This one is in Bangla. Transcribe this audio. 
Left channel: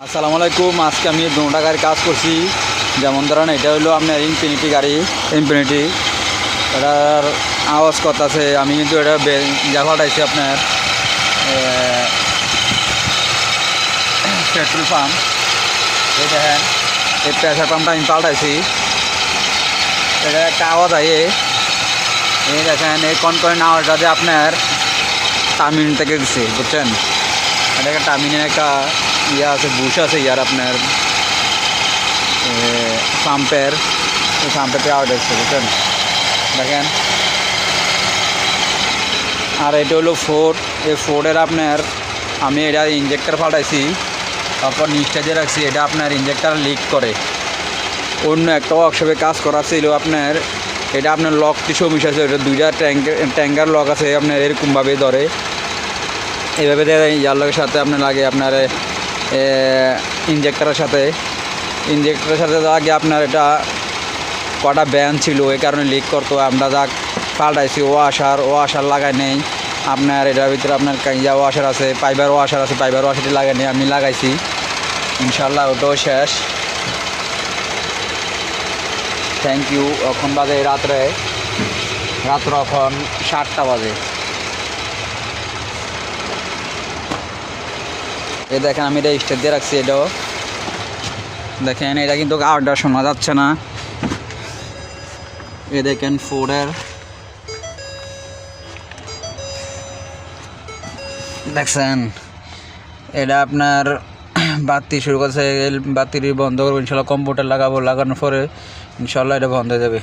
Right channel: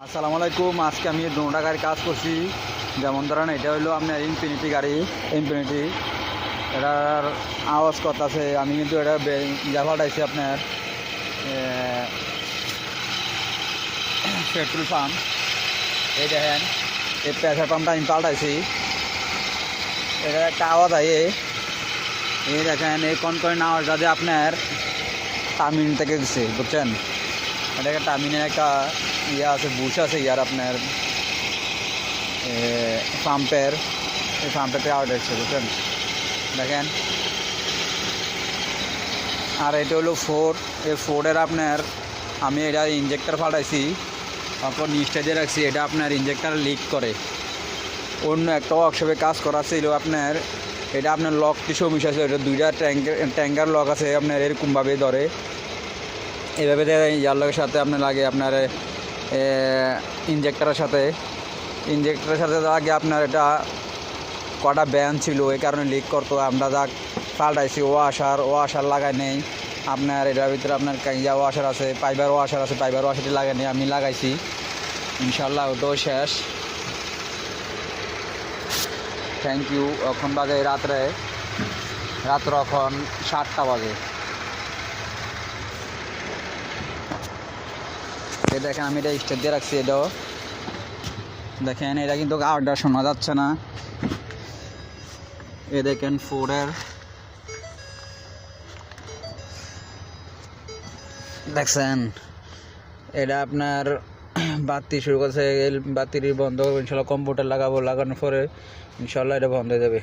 আসসালামু আলাইকুম। আজকে আমি দুটা গাড়ির কাজ করছি। যেমন ধরেন এটা হলো আপনার ইনফিনিটি গাড়ি, ইনফিনিটি এটার আওয়াজ করতেছে। আমি কিন্তু এটা পাঠাইছি আপনার পেট্রোল পাম্প। এই দেখেন এই প্রেসার পাম্পটা আমি পাল্টাইছি। এটা একটা আওয়াজ আয়ে এই দেখেন এই কনকরেন্ট আওয়াজটা যে আপনার টার্মিন থেকে দিচ্ছে, বুঝছেন? এটা একটা টার্মিনের একটা ইয়ে আছে, বুশ আছে ইয়ার আপনার পাম্পের, এই পাম্পের আওয়াজ হচ্ছে, বুঝছেন? দেখেন। আর এটা হলো ফোর্ড। এই ফোর্ডের আপনার আমি এটা ইঞ্জেক্টর পাল্টাইছি, তারপর নিচটা দিয়ে রাখছি। এটা আপনার ইঞ্জেক্টর লিক করে। অন্য একটা ওয়ার্কশপে কাজ করা ছিল আপনার, এটা আপনার লকটি সমস্যা আছে। এটা দুইটা ট্যাঙ্কার লক আছে আপনার, এরকমভাবে ধরে এইভাবে ইয়ার লগের সাথে আপনার লাগে আপনার ইঞ্জেক্টরের সাথে আগে আপনার এটা কটা ব্যান ছিল, এই কারণে লিক করতো। আমরা যা পাল্টাইছি ওয়াশার লাগাই নেই আপনার। এটার ভিতরে আপনার ইয়া ওয়াশার আছে, পাইবার ওয়াশার আছে, পাইবার ওয়াশারটি লাগাই নেই, আমি লাগাইছি। ইনশাল্লাহ ওটাও শেষ। Thank you. এখন বাজে রাত্র এখন 7টা বাজে। এই দেখেন আমি এটা স্টেট দিয়ে রাখছি। এটাও দেখেন, এটা কিন্তু আওয়াজটা শোনা যাচ্ছে না। এ দেখেন ফোর্ডের, দেখছেন এটা আপনার বাতি শুরু করছে। বাতি বন্ধ করবো ইনশাল্লাহ। কম্পিউটার লাগানোর পরে ইনশাল্লাহ এটা বন্ধ হয়ে যাবে।